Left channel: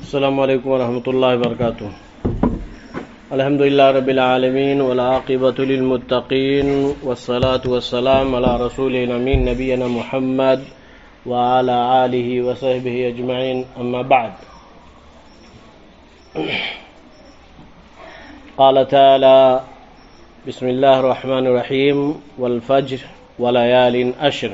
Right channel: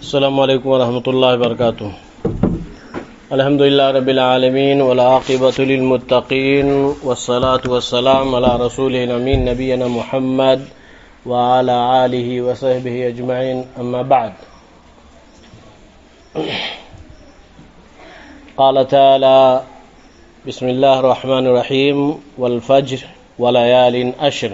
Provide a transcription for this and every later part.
السلام علیکم ورحمۃ اللہ وبرکاتہ۔ الحمد للہ رب العالمین والعاقبۃ للمتقین والصلاة والسلام علی رسول الامین نبینا محمد وعلی آلہ وصحبہ اجمعین، اما بعد۔ قال تعالی بسم اللہ الرحمن الرحیم والفجر وليال عشر۔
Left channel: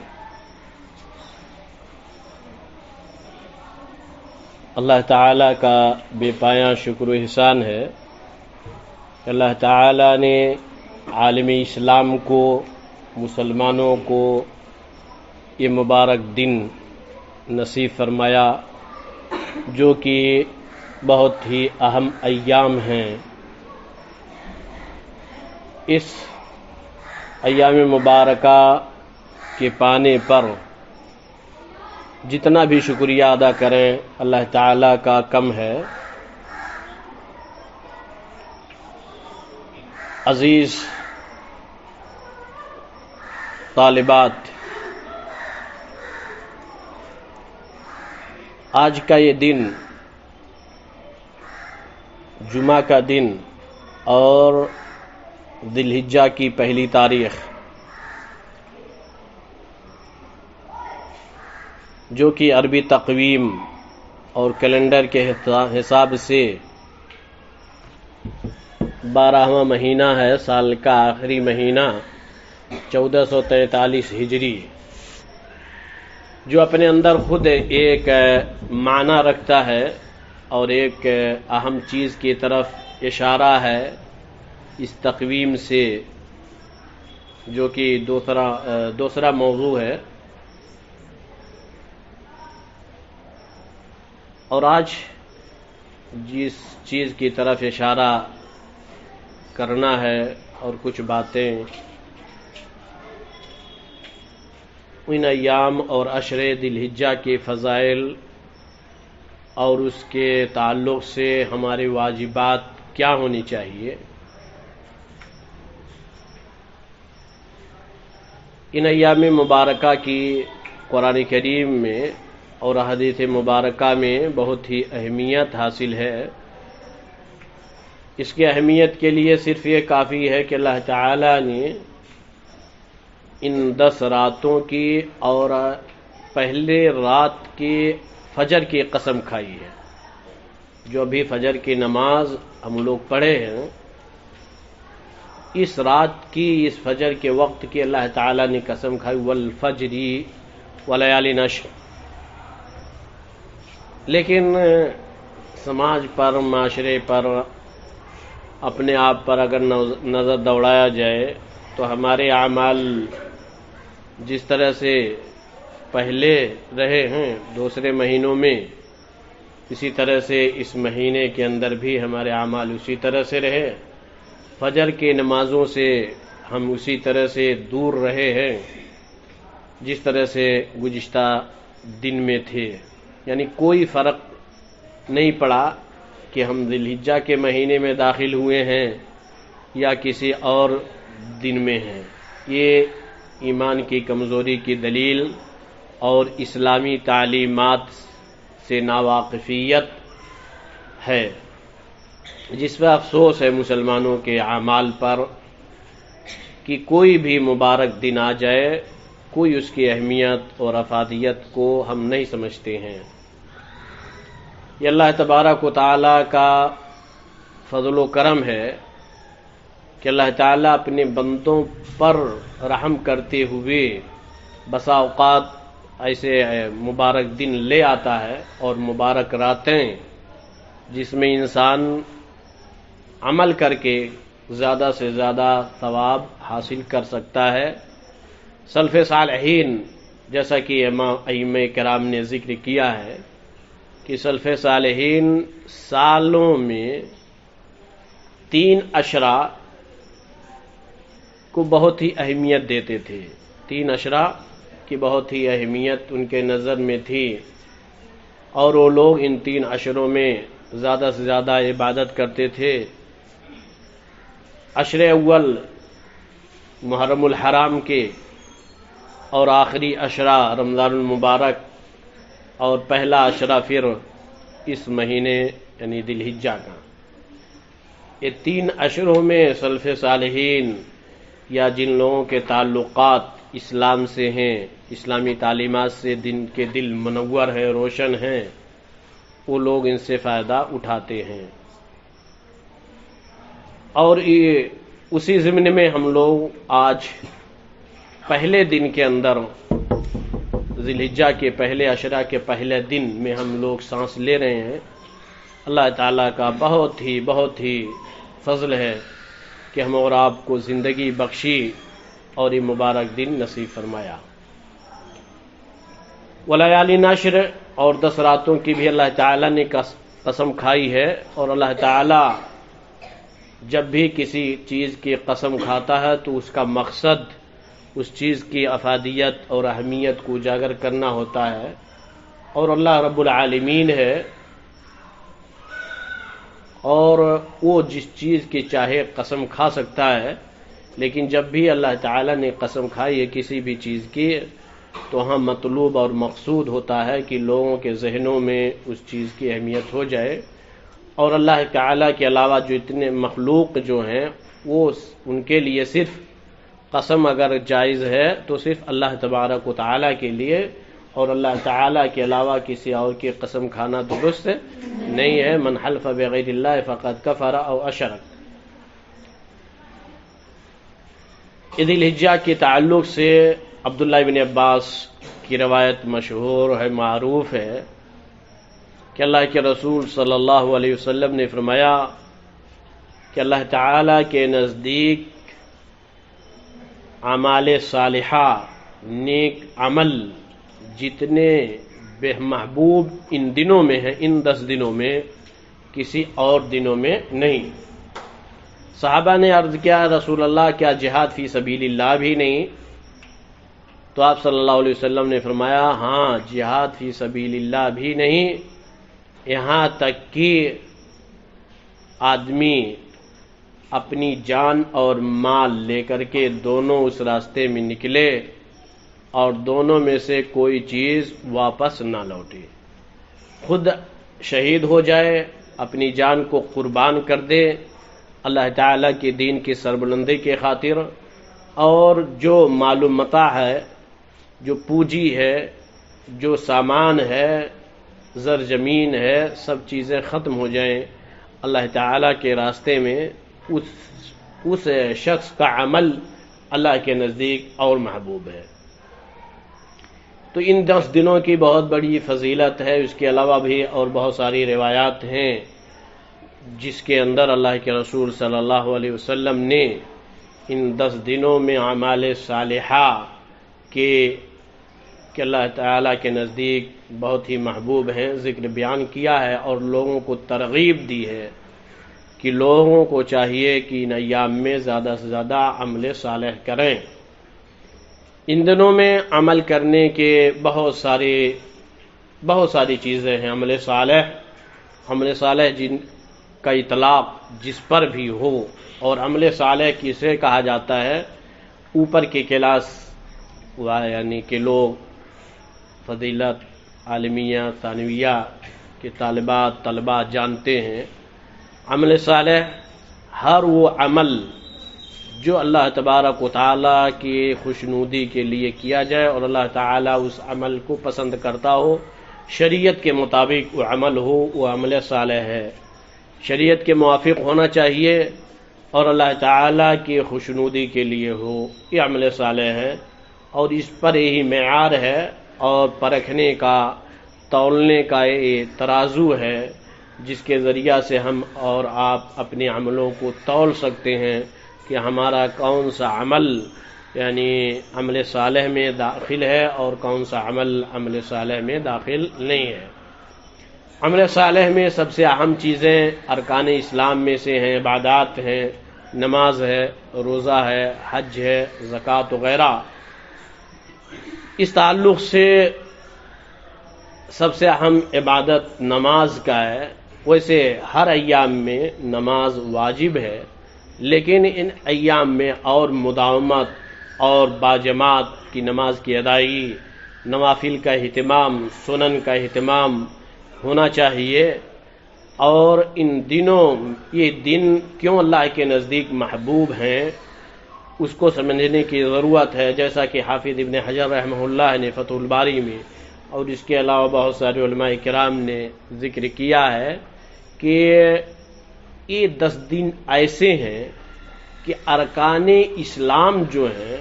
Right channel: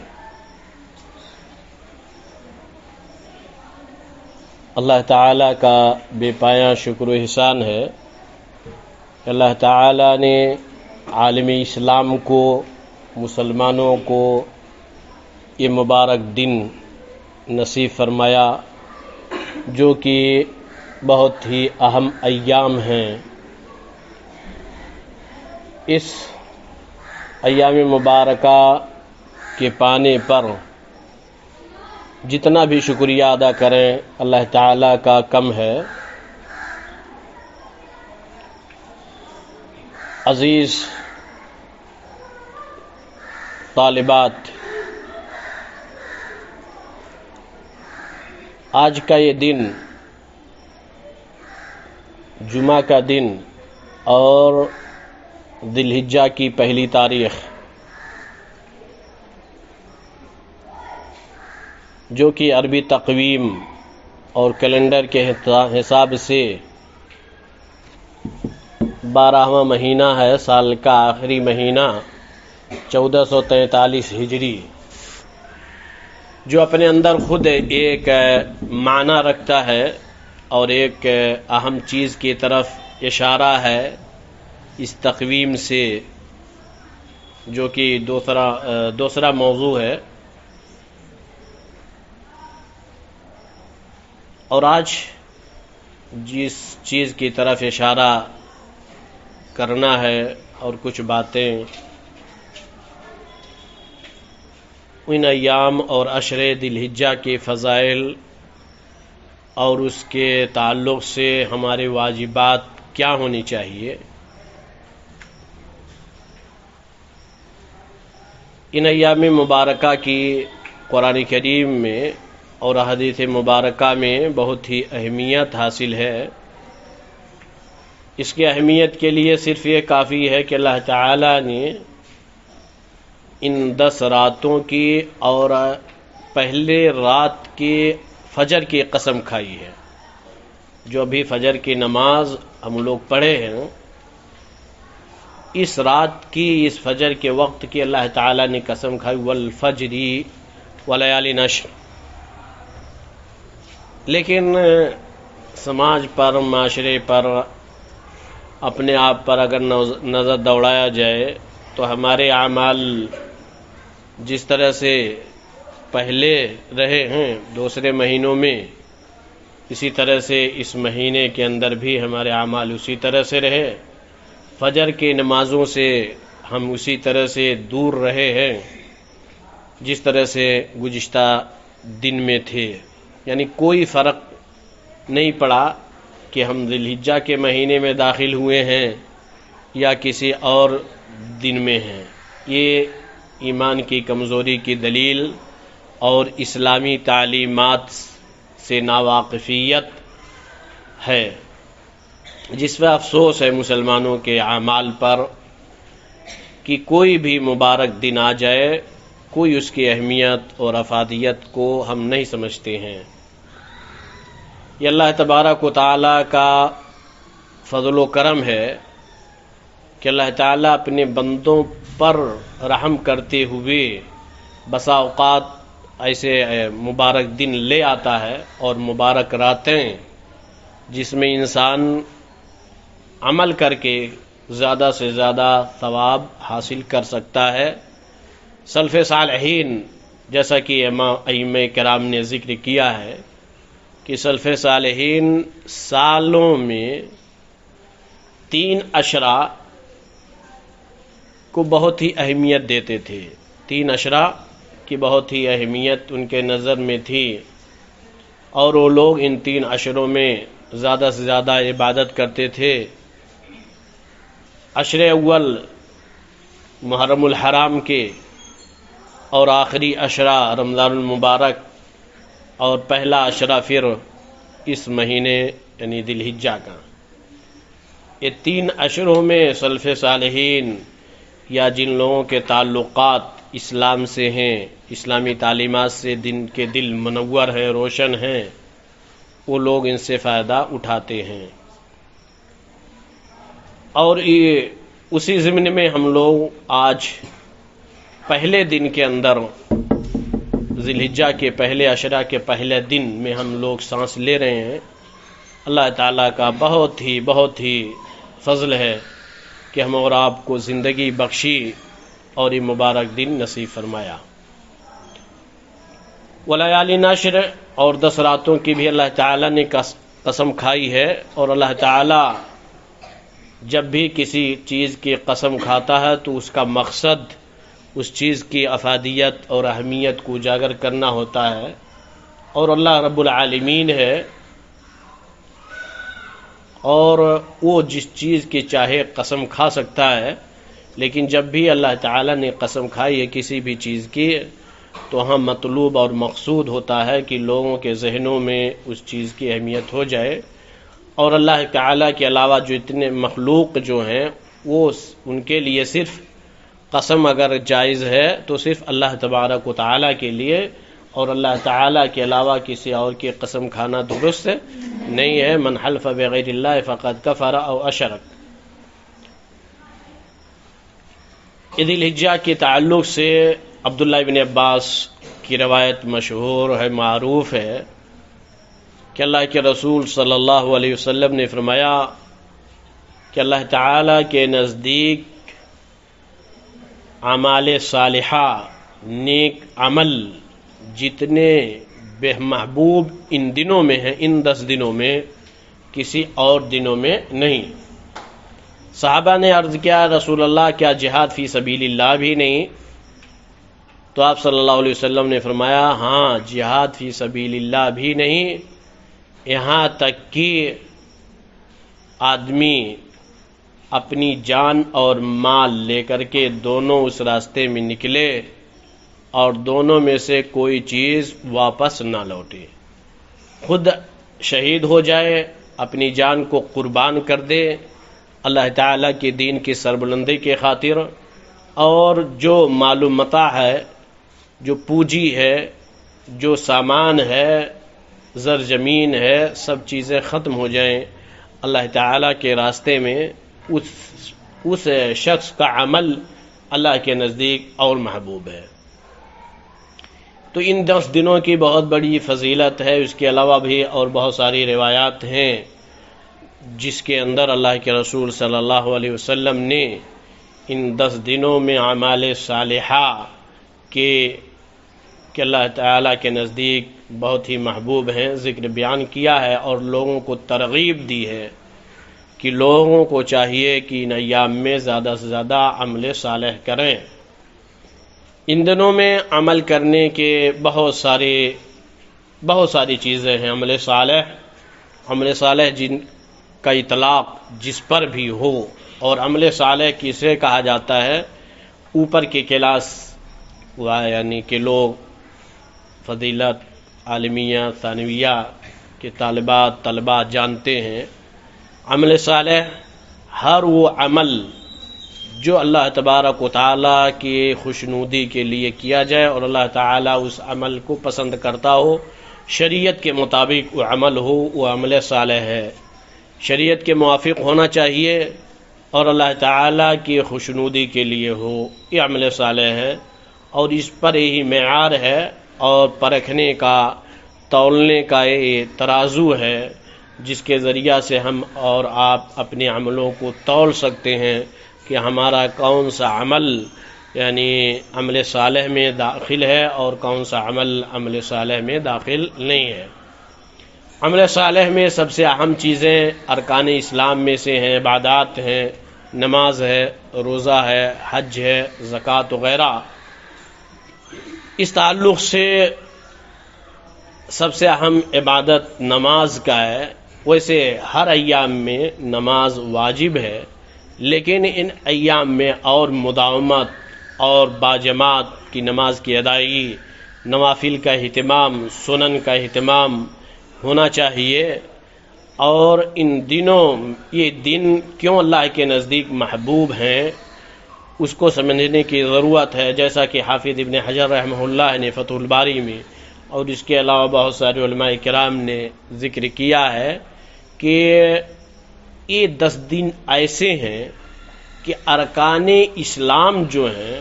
اللہ تعالیٰ کا بے پایاں شکر و احسان ہے کہ اللہ تعالیٰ نے عالم اسلام کو، مسلمانوں کو یہ مبارک دن نصیب فرمایا جو کہ بہت ہی اہم ایام ہیں۔ اس ایام مبارکہ کے پانے پر جتنا بھی شکریہ ادا کریں اللہ تعالیٰ کا کم ہے۔ عزیز طالبات، آج کا یہ دن جمعہ کا دن اور ذی الحجہ کی پہلی تاریخ، جو کہ عربی تقویم اور کیلنڈر کے حساب سے 12واں مہینہ ہے، سال کا آخری مہینہ 1443 ہجری، جو اپنے اندر خود ایک معنی رکھتا ہے اور ایک اہم چیز کی طرف اشارہ ہے اس تقویم سے، جو کہ دوسرا موضوع ہے۔ اور آج جس چیز کی طرف اشارہ کرنا ہے اور کچھ باتیں ان ایام اور عشر ذی الحجہ کے فضائل اور اس کے تعلق سے ہمارے واجبات کیا ہونی چاہیے، ان ایام مبارکہ کی قرآن کریم میں اور حدیث مبارکہ میں بہت ہی اہمیت حاصل ہے۔ اس کی اہمیت کے لیے صرف یہ کافی ہے کہ اللہ تعالیٰ نے ان 10 راتوں کی اور پہلے رات کے فجر کی قسم کھائی ہے۔ جو ابھی فجر کی نماز ہم لوگ پڑھے ہیں، اس رات کی، اس فجر کے وقت کی اللہ تعالیٰ نے قسم کھائی، والفجر وليال عشر۔ لیکن سماج پر، معاشرے پر، اپنے آپ پر اگر نظر دوڑایا جائے تو ہمارے اعمال جس طرح سے پہلے رہے ہیں دوسرے مہینوں میں، اسی طرح سے اس مہینے کے اندر بھی ہمارے اعمال اسی طرح سے رہے۔ فجر کی نمازوں سے ہم اسی طرح سے دور رہے ہیں جس طرح سے گزشتہ دن میں تھے، یعنی کوئی فرق نہیں پڑا کہ ہم ذی الحجہ کے مہینے میں داخل ہوئے ہیں یا کسی اور دن میں ہیں۔ یہ ایمان کی کمزوری کی دلیل اور اسلامی تعلیمات سے ناواقفیت ہے، جس پر افسوس ہے مسلمانوں کے اعمال پر کہ کوئی بھی مبارک دن آ جائے، کوئی اس کی اہمیت اور افادیت کو ہم نہیں سمجھتے ہیں۔ یہ اللہ تبارک و تعالیٰ کا فضل و کرم ہے کہ اللہ تعالیٰ اپنے بندوں پر رحم کرتے ہوئے بسا اوقات ایسے مبارک دن لے آتا ہے اور مبارک راتیں، جس میں انسان عمل کر کے زیادہ سے زیادہ ثواب حاصل کر سکتا ہے۔ سلف صالحین، جیسا کہ ائمہ کرام نے ذکر کیا ہے کہ سلف صالحین سالوں میں 3 عشرہ کو بہت ہی اہمیت دیتے تھے۔ 3 عشرہ کی بہت ہی اہمیت ان کے نظر میں تھی، اور وہ لوگ ان 3 عشروں میں زیادہ سے زیادہ عبادت کرتے تھے۔ عشر اول محرم الحرام کے، اور آخری عشرہ رمضان المبارک، اور پہلا عشرہ پھر اس مہینے یعنی ذی الحجہ کا. یہ 3 اشروں میں سلف صالحین یا جن لوگوں کے تعلقات اسلام سے ہیں، اسلامی تعلیمات سے جن کے دل منور ہے، روشن ہیں، وہ لوگ ان سے فائدہ اٹھاتے ہیں. اور یہ اسی ضمن میں ہم لوگ آج پہلے دن کے اندر ذی الحجہ کے پہلے عشرہ کے پہلے دن میں ہم لوگ سانس لے رہے ہیں. اللہ تعالیٰ کا بہت ہی فضل ہے کہ ہم اور آپ کو زندگی بخشی اور یہ مبارک دن نصیب فرمایا. ولیالی نشر اور 10 راتوں کی بھی اللہ تعالیٰ نے قسم کھائی ہے. اور اللہ تعالیٰ جب بھی کسی چیز کی قسم کھاتا ہے تو اس کا مقصد اس چیز کی افادیت اور اہمیت کو اجاگر کرنا ہوتا ہے. اور اللہ رب العالمین ہے اور وہ جس چیز کی چاہے قسم کھا سکتا ہے، لیکن جب بھی اللہ تعالیٰ نے قسم کھائی ہے کسی بھی چیز کی تو ہم مطلوب اور مقصود ہوتا ہے کہ لوگوں کے ذہنوں میں اس چیز کی اہمیت ہو جائے. اور اللہ تعالیٰ کے علاوہ جو اتنے مخلوق جو ہیں وہ ان کے لیے صرف قسم اگر جائز ہے تو صرف اللہ تبارک و تعالیٰ کے لیے، اور اللہ تعالیٰ کے علاوہ کسی اور کی قسم کھانا درست نہیں ہے. من حلف بغیر اللہ فقد کفر او اشرک. ذی الحجہ کے تعلق سے عبداللہ بن عباس کی روایت مشہور ہے، معروف ہے کہ اللہ کے رسول صلی اللہ علیہ وسلم نے فرمایا کہ اللہ تعالیٰ کے نزدیک اعمال صالحہ، نیک عمل جتنے بے محبوب ان دنوں میں ہیں، ان 10 دنوں میں، کسی اور دنوں میں نہیں. صحابہ نے عرض کیا رسول اللہ کیا جہاد فی سبیل اللہ بھی نہیں؟ تو آپ صلی اللہ علیہ وسلم نے فرمایا ہاں، جہاد فی سبیل اللہ بھی نہیں، یہاں تک کہ آدمی اپنی جان اور مال لے کر کے دونوں اس راستے میں نکلے اور دونوں میں سے کوئی چیز واپس نہ لوٹے، خود شہید ہو جائے، اپنی جان کو قربان کر دے اللہ تعالیٰ کے دین کی سربلندی کے خاطر، اور جو مال و متاع ہے، جو پونجی ہے، جو سامان ہے، زر زمین ہے، سب چیزیں ختم ہو جائیں اللہ تعالیٰ کے راستے میں، اس شخص کا عمل اللہ کے نزدیک اور محبوب ہے. تو ان 10 دنوں کی بہت بڑی فضیلت ہے. اس کے علاوہ بھی اور بہت ساری روایات ہیں جس کے اندر اللہ کے رسول صلی اللہ علیہ وسلم نے ان 10 دنوں میں اعمال صالحہ کہ اللہ تعالیٰ کے نزدیک بہت ہی محبوب ہیں ذکر بیان کیا ہے، اور لوگوں کو ترغیب دی ہے کہ لوگوں کو چاہیے کہ ان ایام میں زیادہ سے زیادہ عمل صالح کریں. ان دنوں میں عمل کرنے کے بہت ساری چیزیں ہیں. عمل صالح جن کا اطلاق جس پر بھی ہو، اور عمل صالح کسے کہا جاتا ہے؟ اوپر کے کلاس یعنی کہ لوگ فضیلت عالمیہ ثانویہ کے طلباء جانتے ہیں. عمل صالح ہر وہ عمل جو اللہ تبارک و تعالیٰ کی خوشنودی کے لیے کیا جائے اور اللہ تعالیٰ اس عمل کو پسند کرتا ہو، شریعت کے مطابق وہ عمل ہو، وہ عمل صالح ہے. شریعت کے موافق ہونا چاہیے اور اللہ تعالیٰ کی خوشنودی کے لیے ہو، یہ عمل صالح ہے. اور اس پر یہی معیار ہے اور پرکھنے کا، تولنے کا یہ ترازو ہے جس کے ذریعہ سے ہم اور آپ اپنے عملوں کو تول سکتے ہیں کہ ہمارا کون سا عمل یعنی عمل صالح میں داخل ہے اور کون سا عمل صالح میں داخل نہیں ہے. عمل صالح میں سب سے اہم چیزیں ارکان اسلام میں سے ہیں، عبادات ہیں، نماز ہے، روزہ ہے، حج ہے، زکوٰۃ وغیرہ. اس تعلق سے سب سے اہم عبادت نماز کا ہے. ویسے ہر ایام میں نماز واجب ہے، لیکن ان ایام میں اور مداومت اور باجماعت کی نماز کی ادائیگی، نوافل کا اہتمام، سنن کا اہتمام ہونا چاہیے، اور ان دنوں یہ دن کیوں اللہ کے نزدیک محبوب ہیں اس کو سمجھنے کی ضرورت ہے، جیسا کہ حافظ ابن حجر رحمہ اللہ نے فتح الباری میں اور اس کے علاوہ بہت سارے علماء کرام نے ذکر کیا ہے کہ یہ 10 دن ایسے ہیں کہ ارکان اسلام جو ہیں،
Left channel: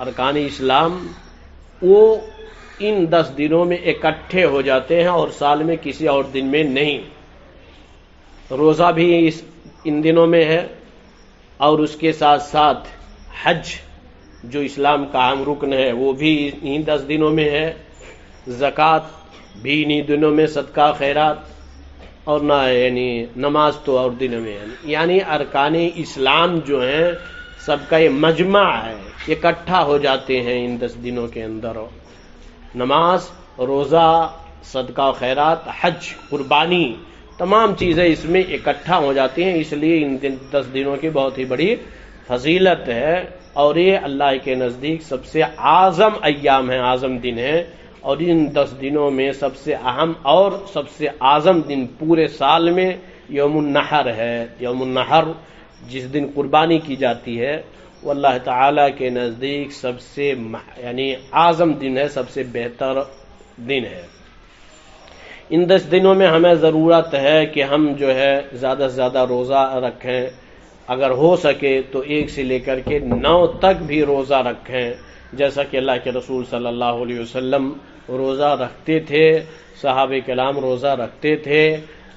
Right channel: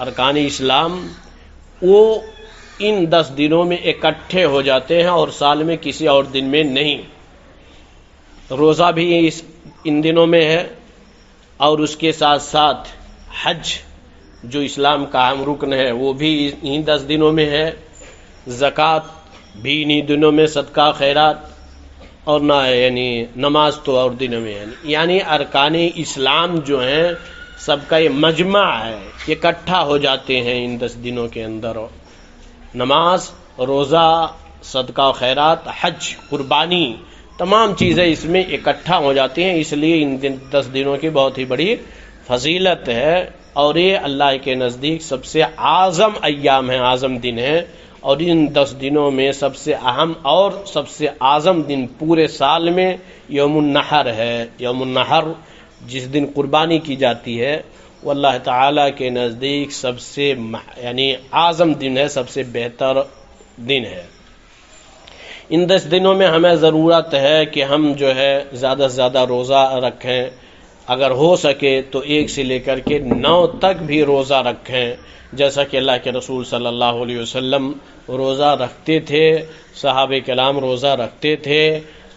ارکان اسلام وہ ان 10 دنوں میں اکٹھے ہو جاتے ہیں اور سال میں کسی اور دن میں نہیں۔ روزہ بھی ان دنوں میں ہے، اور اس کے ساتھ ساتھ حج جو اسلام کا اہم رکن ہے وہ بھی ان 10 دنوں میں ہے، زکوٰۃ بھی انہی دنوں میں، صدقہ خیرات، اور نہ یعنی نماز تو اور دنوں میں ہے، یعنی ارکان اسلام جو ہیں سب کا یہ مجمع ہے، اکٹھا ہو جاتے ہیں ان 10 دنوں کے اندر۔ نماز، روزہ، صدقہ خیرات، حج، قربانی، تمام چیزیں اس میں اکٹھا ہو جاتی ہیں، اس لیے ان 10 دنوں کی بہت ہی بڑی فضیلت ہے، اور یہ اللہ کے نزدیک سب سے اعظم ایام ہیں، اعظم دن ہیں، اور ان 10 دنوں میں سب سے اہم اور سب سے اعظم دن پورے سال میں یوم النحر ہے۔ یوم النحر جس دن قربانی کی جاتی ہے وہ اللہ تعالیٰ کے نزدیک سب سے یعنی اعظم دن ہے، سب سے بہتر دن ہے۔ ان 10 دنوں میں ہمیں ضرورت ہے کہ ہم جو ہے زیادہ سے زیادہ روزہ رکھیں، اگر ہو سکے تو 1 سے لے کر کے 9 تک بھی روزہ رکھیں، جیسا کہ اللہ کے رسول صلی اللہ علیہ وسلم روزہ رکھتے تھے، صحابہ کرام روزہ رکھتے تھے۔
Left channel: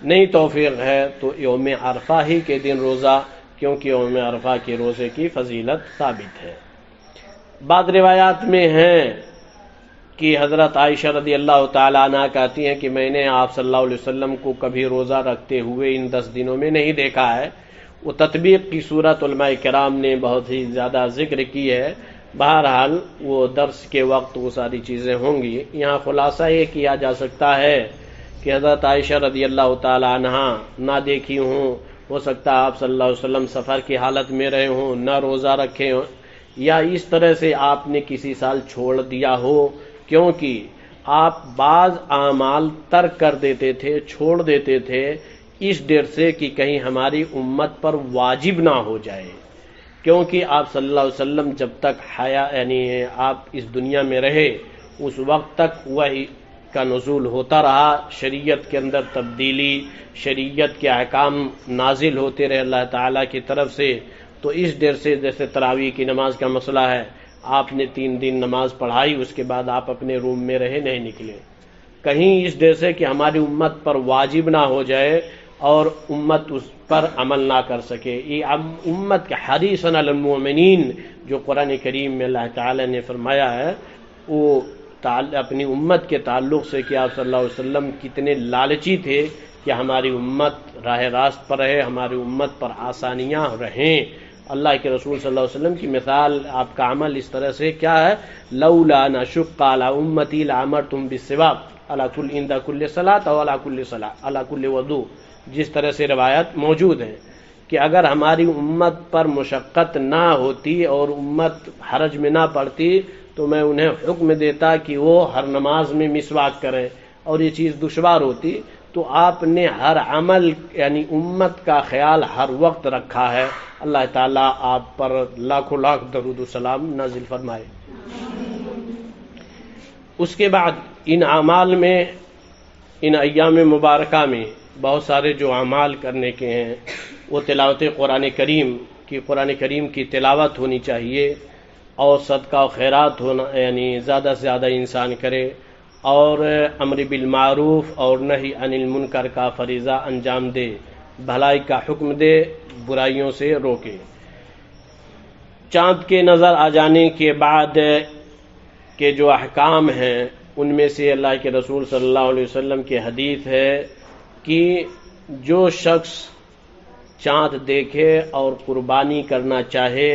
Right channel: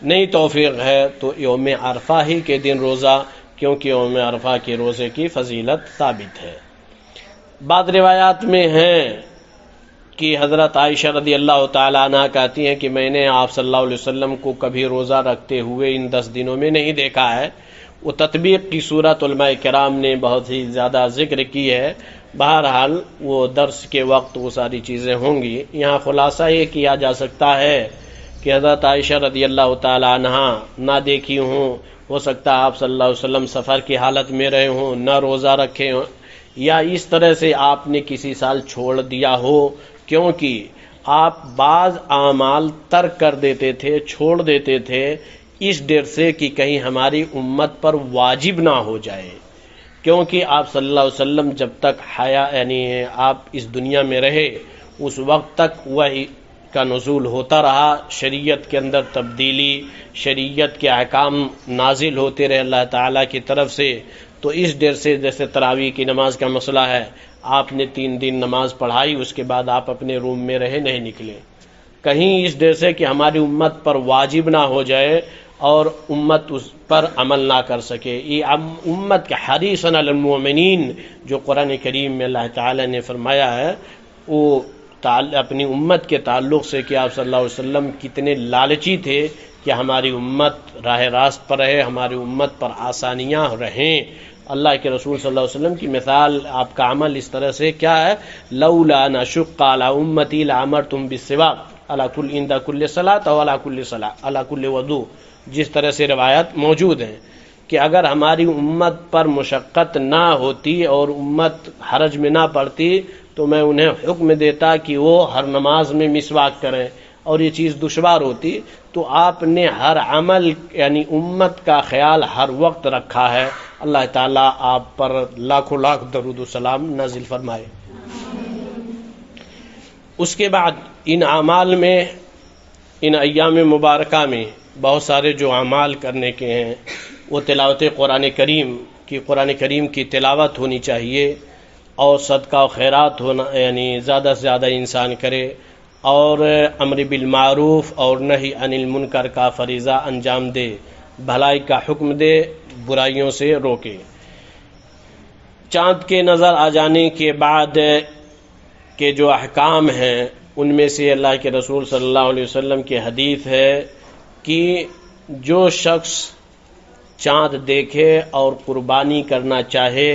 نہیں توفیق ہے تو یوم عرفہ ہی کے دن روزہ، کیونکہ یوم عرفہ کے روزے کی فضیلت ثابت ہے۔ بعض روایات میں ہیں کہ حضرت عائشہ رضی اللہ تعالیٰ عنہ کہتی ہیں کہ میں نے آپ صلی اللہ علیہ وسلم کو کبھی روزہ رکھتے ہوئے ان 10 دنوں میں نہیں دیکھا ہے۔ وہ تطبیق کی صورت علماء کرام نے بہت ہی زیادہ ذکر کی ہے، بہرحال وہ درس کے وقت وہ ساری چیزیں ہوں گی۔ یہاں خلاصہ یہ کیا جا سکتا ہے کہ حضرت عائشہ رضی اللہ تعالیٰ عنہ نہ دیکھی ہوں، ہو سکتا ہے آپ صلی اللہ علیہ وسلم سفر کی حالت میں رہے ہوں، نہ روزہ رکھے ہوں، یا اس طرح سے آپ نے کسی سال چھوڑ دیا ہو، کیونکہ آپ بعض اعمال ترک کر دیتے تھے، چھوڑ دیتے تھے، اس ڈر سے کہ کہیں ہماری امت پر واجب نہ ہو جائے، کیونکہ آپ صلی اللہ علیہ وسلم جب تک یعنی آپ اس دنیا میں رہے اس وقت تک وحی کا نزول ہوتا رہا، شریعت کے اندر تبدیلی، شریعت کے احکام نازل ہوتے رہے اللہ تعالیٰ کی طرف سے، تو اس ڈر سے جیسے تراویح کی نماز کا مسئلہ ہے، آپ نے 3 دن نماز پڑھائی، اس کے بعد آپ اپنے روم میں رہے، نہیں نکلے، کہیں اس ڈر سے کہ ہماری امت پر واجب نہ ہو جائے اور امت اس پر عمل نہ کر سکے۔ یہ امت کے حریص علی المؤمنین جو قرآن کریم میں اللہ تعالی نے فرمایا ہے، وہ اپنی امت کے تعلق سے کہ آپ صلی اللہ علیہ وسلم کتنے لالچی تھے کہ ہماری امت راہ راست پر رہے، ہماری امت پر آسانیاں رہیں۔ اللہ کے رسول صلی اللہ علیہ وسلم کی مثال، آپ کا عمل اس طرح سے کیا ہے، لولا ان اشق علی امتی لامرتم بالسواک علی کل عند کل صلاۃ و علی کل صلاۃ علی کل وضو، جس طرح سے روایت موجود ہیں کہ اگر ہماری امت پر مشقت نہ ہوتی اور امت حرج میں نہ پڑتی تو میں انہیں حکم دیتا کہ وہ ہر نماز میں مسواک کریں، اور یہ چیز دشوار ہوتی، تو آپ نے ہر عمل یعنی امت کا خیال ہر وقت رکھا ہے۔ اللہ تعالیٰ آپ پر لاکھوں لاکھ درود و سلام نازل فرمائے۔ اس کے بعد ان اعمال میں، ان ایام مبارکہ میں بہت سارے جو اعمال کرنے کے ہیں، وہ تلاوت قرآن کریم کی تلاوت ہونی چاہیے، اور صدقہ و خیرات ہونا، یعنی زیادہ سے زیادہ انسان کرے، اور امر بالمعروف اور نہی عن المنکر کا فریضہ انجام دے، بھلائی کا حکم دے، برائیوں سے روکے۔ چاند کے نظر آ جانے کے بعد کے جو احکام ہیں ان میں سے اللہ کے رسول صلی اللہ علیہ وسلم کی حدیث ہے کہ جو شخص چاند دیکھے اور قربانی کرنا چاہے،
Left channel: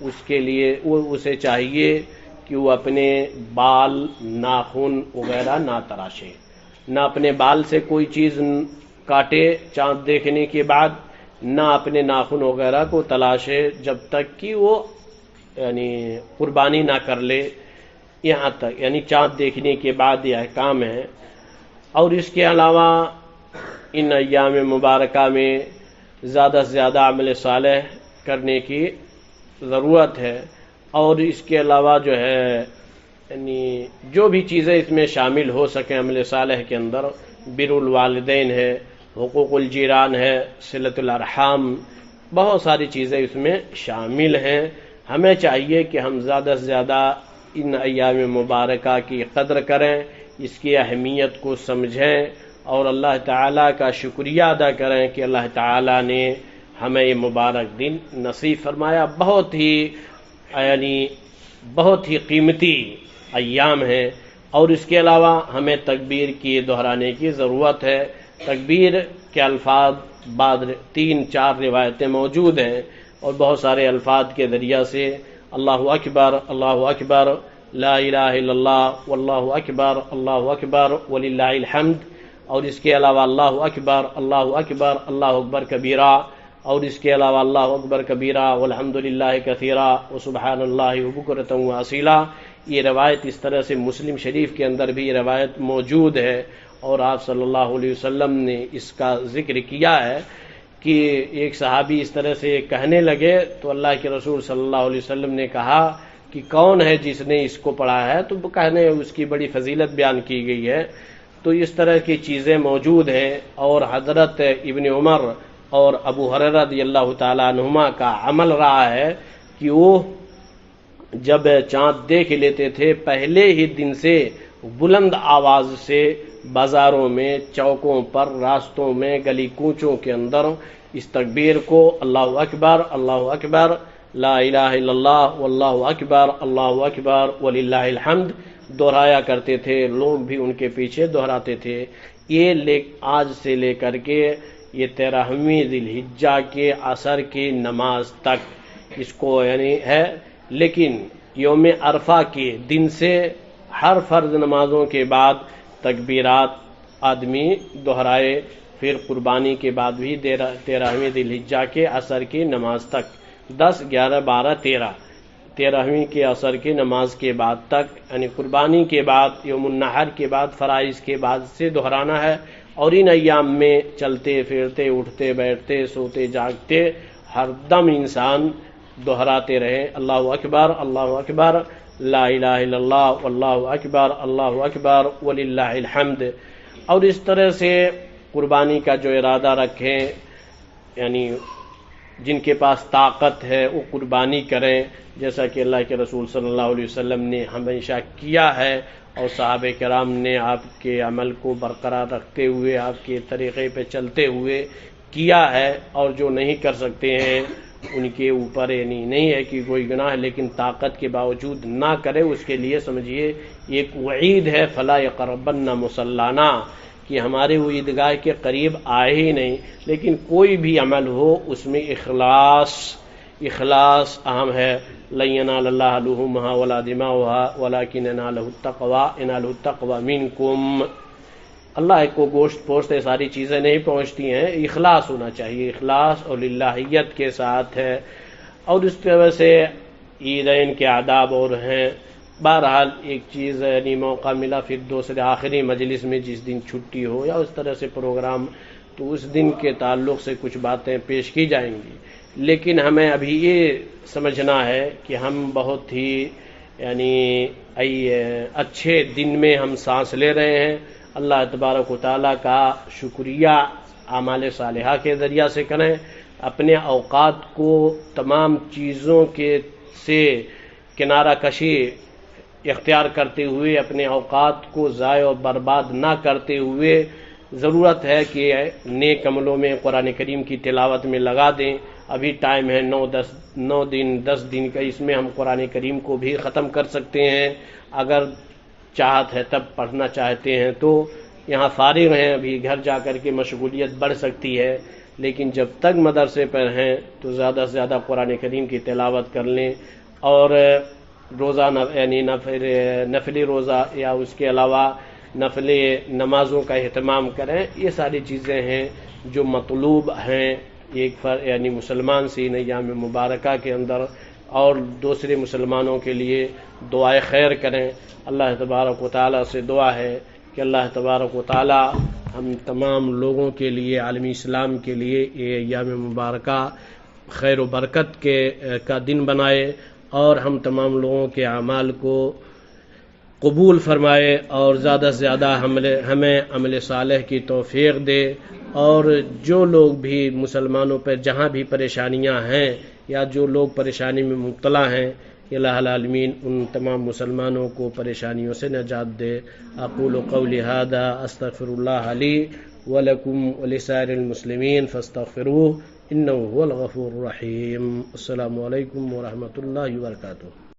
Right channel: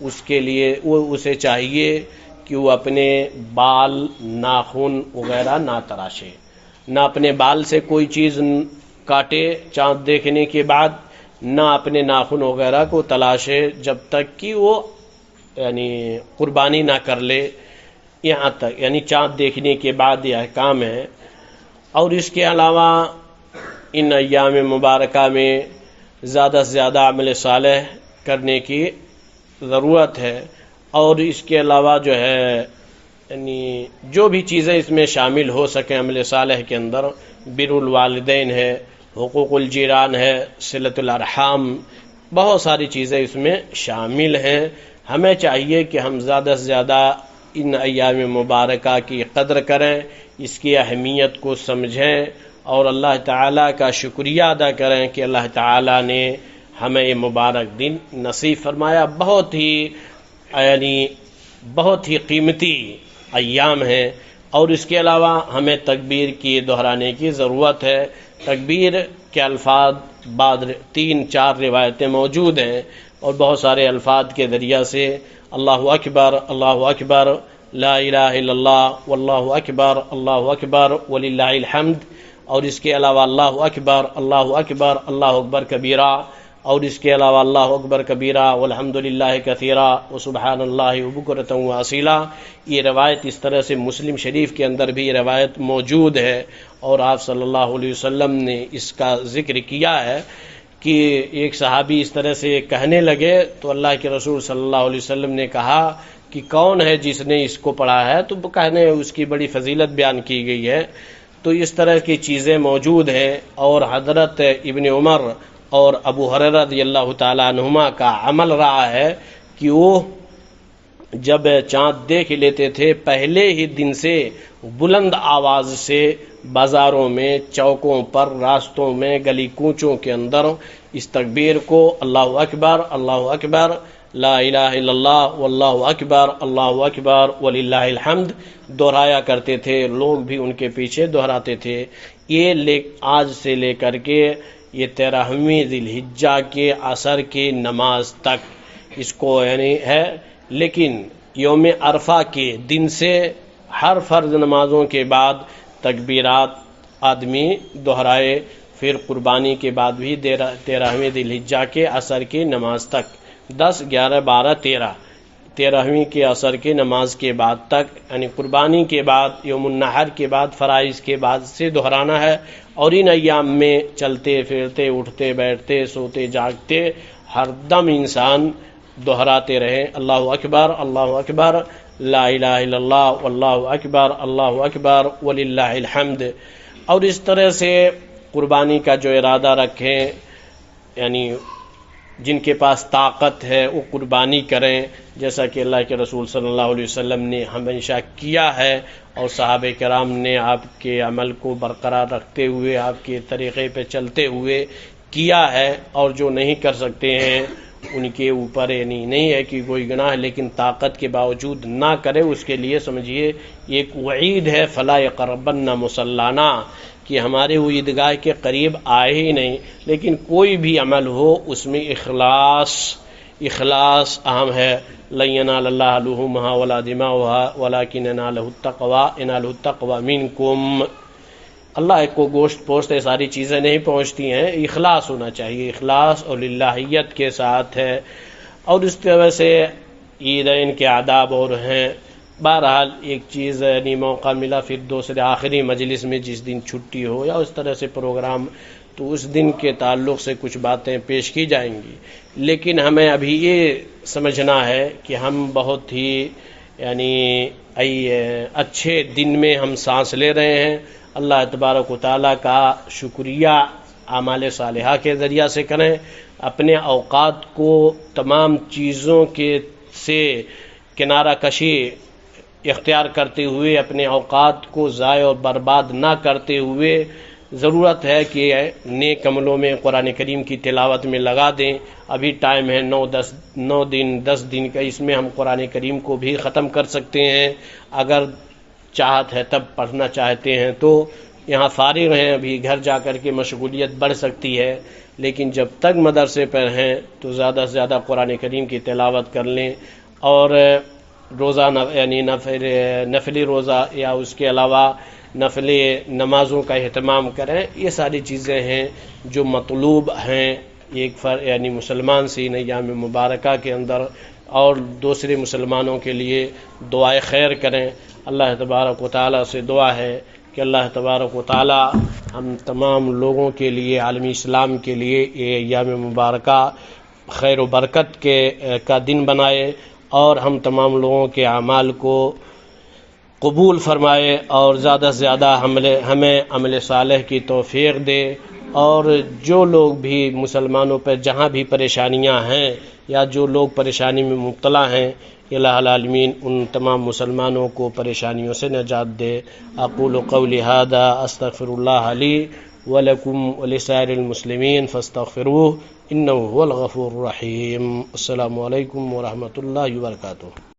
اس کے لیے اسے چاہیے کہ وہ اپنے بال، ناخن وغیرہ نہ تراشے، نہ اپنے بال سے کوئی چیز کاٹے چاند دیکھنے کے بعد، نہ اپنے ناخن وغیرہ کو تلاشے جب تک کہ وہ یعنی قربانی نہ کر لے، یہاں تک یعنی چاند دیکھنے کے بعد یہ احکام ہے۔ اور اس کے علاوہ ان ایام مبارکہ میں زیادہ سے زیادہ عمل صالح کرنے کی ضرورت ہے، اور اس کے علاوہ جو ہے یعنی جو بھی چیزیں اس میں شامل ہو سکیں عمل صالح کے اندر، بر الوالدین ہے، حقوق الجیران ہے، صلۃ الارحام، بہت ساری چیزیں اس میں شامل ہیں۔ ہمیں چاہیے کہ ہم زیادہ سے زیادہ ان ایام مبارکہ کی قدر کریں، اس کی اہمیت کو سمجھیں، اور اللہ تعالیٰ کا شکریہ ادا کریں کہ اللہ تعالیٰ نے ہمیں یہ مبارک دن نصیب فرمایا۔ بہت ہی قیمتی ایام ہیں، اور اس کے علاوہ ہمیں تکبیر کی دہرانے کی ضرورت ہے۔ تکبیر کے الفاظ بعد 3-4 روایتیں موجود ہیں، اور بہت سارے الفاظ کے ذریعہ سے اللہ اکبر، اللہ اکبر، لا الہ الا اللہ، واللہ اکبر، اللہ اکبر وللہ الحمد، اور اس کے علاوہ اللہ اکبر، اللہ اکبر، اللہ اکبر کبیرہ، اور اس کے علاوہ اللہ اکبر کبیرہ والحمد للہ کثیرہ وسبحان اللہ بکرۃ واصیلا۔ یہ روایت اس طرح سے مسلم شریف کے اندر بھی یہ روایت موجود ہے، اور آپ صلی اللہ علیہ وسلم نے اس کا ذکر کیا ہے کہ ایک صحابی اس طرح سے کہنے لگے تو اللہ کے رسول صلی اللہ علیہ وسلم نے کہا کہ کون ہے جس نے اس کو پڑھا ہے، تو کہنے اس کی بڑی فضیلت بیان کی گئی ہے۔ تو اس طرح کی چیزیں موجود ہیں، اور حضرت ابن عمر اور ابو ہریرہ رضی اللہ تعالیٰ عنہما کا عمل رہا ہے کہ وہ جب چاند دیکھ لیتے تھے پہلے ہی دن سے بلند آواز سے بازاروں میں، چوکوں پر، راستوں میں، گلی کوچوں کے اندر اس تکبیر کو اللہ اکبر، لا الہ الا اللہ، واللہ اکبر، اللہ اکبر وللہ الحمد دہرایا کرتے تھے، لوگ بھی ان کے پیچھے دہراتے تھے۔ یہ آج سے لے کر کے یہ 13ویں ذی الحجہ کے عصر کی نماز تک اس کو یعنی ہے، لیکن یوم عرفہ کے دن سے ہر فرض نمازوں کے بعد تکبیرات آدمی دہرائے، پھر قربانی کے بعد بھی 13ویں ذی الحجہ کے عصر کی نماز تک، 10، 11، 12، 13ویں کے عصر کی نماز کے بعد تک، یعنی قربانی کے بعد، یوم النحر کے بعد، فرائض کے بعد سے دہرانا ہے۔ اور ان ایام میں چلتے پھرتے، اٹھتے بیٹھتے، سوتے جاگتے ہر دم انسان دہراتے رہیں اللہ اکبر، لا الہ الا اللہ، واللہ اکبر، اللہ اکبر وللہ الحمد۔ اور اس طرح سے قربانی کا جو ارادہ رکھیں، یعنی جن کے پاس طاقت ہے وہ قربانی کریں، جیسا کہ اللہ کے رسول صلی اللہ علیہ وسلم نے ہمیشہ کیا ہے، اور صحابہ کرام نے آپ کے عمل کو برقرار رکھتے ہوئے، آپ کے طریقے پہ چلتے ہوئے کیا ہے۔ اور جو نہیں کر سکتے ہیں ان کے اوپر یعنی نہیں ہے کہ کوئی گناہ ہے، لیکن طاقت کے باوجود نہ کرے، اس کے لیے سمجھیے ایک وعید ہے، فلا یقربن مصلانا، کہ ہمارے وہ عیدگاہ کے قریب آئے ہی نہیں۔ لیکن کوئی بھی عمل ہو اس میں اخلاص اہم ہے۔ لن ینال اللہ لحومها ولا دماؤها ولکن ینالہ التقوی منکم۔ اللہ کو گوشت پوشت ساری چیزیں نہیں پہنچتی ہیں، اخلاص ہونا چاہیے، اخلاص اور للہیت کے ساتھ ہے۔ اور اس طرح سے عیدین کے آداب اور ہیں۔ بہرحال ایک چیز یعنی موقع ملا پھر دوسرے آخری مجلس میں جس دن چھٹی ہو یا اس طرح سے پروگرام، تو اس دن کے تعلق سے کچھ باتیں پیش کی جائیں گی، لیکن ہمیں ابھی یہ سمجھنا ہے کہ ہم بہت ہی یعنی اچھے دن میں ہم سانس لے رہے ہیں۔ اللہ تبارک و تعالیٰ کا شکریہ اعمال صالحہ کے ذریعہ سے کریں، اپنے اوقات کو تمام چیزوں کے سے کنارہ کشی اختیار کرتے ہوئے، اپنے اوقات کو ضائع اور برباد نہ کرتے ہوئے ضرورت ہے کہ نیک عملوں میں قرآن کریم کی تلاوت میں لگا دیں۔ ابھی ٹائم ہے 10 دن کا، اس میں ہم قرآن کریم کو بھی ختم کر سکتے ہیں۔ اگر چاہت ہے تب پڑھنا چاہتے ہیں تو یہاں فارغ ہیں، ابھی گھر جا کر کے مشغولیت بڑھ سکتی ہے، لیکن جب تک مدرسے پر ہیں تو زیادہ سے زیادہ قرآن کریم کی تلاوت کر لیں، اور روزہ یعنی نفلی روزہ یا اس کے علاوہ نفلی نمازوں کا اہتمام کریں۔ یہ ساری چیزیں ہیں جو مطلوب ہیں ایک یعنی مسلمان سے ان ایام مبارکہ کے اندر، اور دوسرے مسلمانوں کے لیے دعائے خیر کریں۔ اللہ تبارک و تعالیٰ سے دعا ہے کہ اللہ تبارک و تعالی ہم تمام لوگوں کے لیے، عالمی اسلام کے لیے یہ ایام مبارکہ خیر و برکت کا دن بنائے، اور ہم تمام لوگوں کے اعمال کو قبول فرمائے، اور زیادہ سے زیادہ ہمیں عمل صالح کی توفیق دے، اور جو لوگ بھی مسلمانوں پر جہاں بھی پریشانیاں ہیں یا جو لوگ پریشانی میں مبتلا ہیں، الہ العالمین ان تمام مسلمانوں کو پریشانیوں سے نجات دے۔ اقول قولی ھذا استغفر اللہ لی ولکم ولسائر المسلمین فاستغفروہ انہ هو الغفور الرحیم۔ السلام علیکم ورحمۃ اللہ وبرکاتہ۔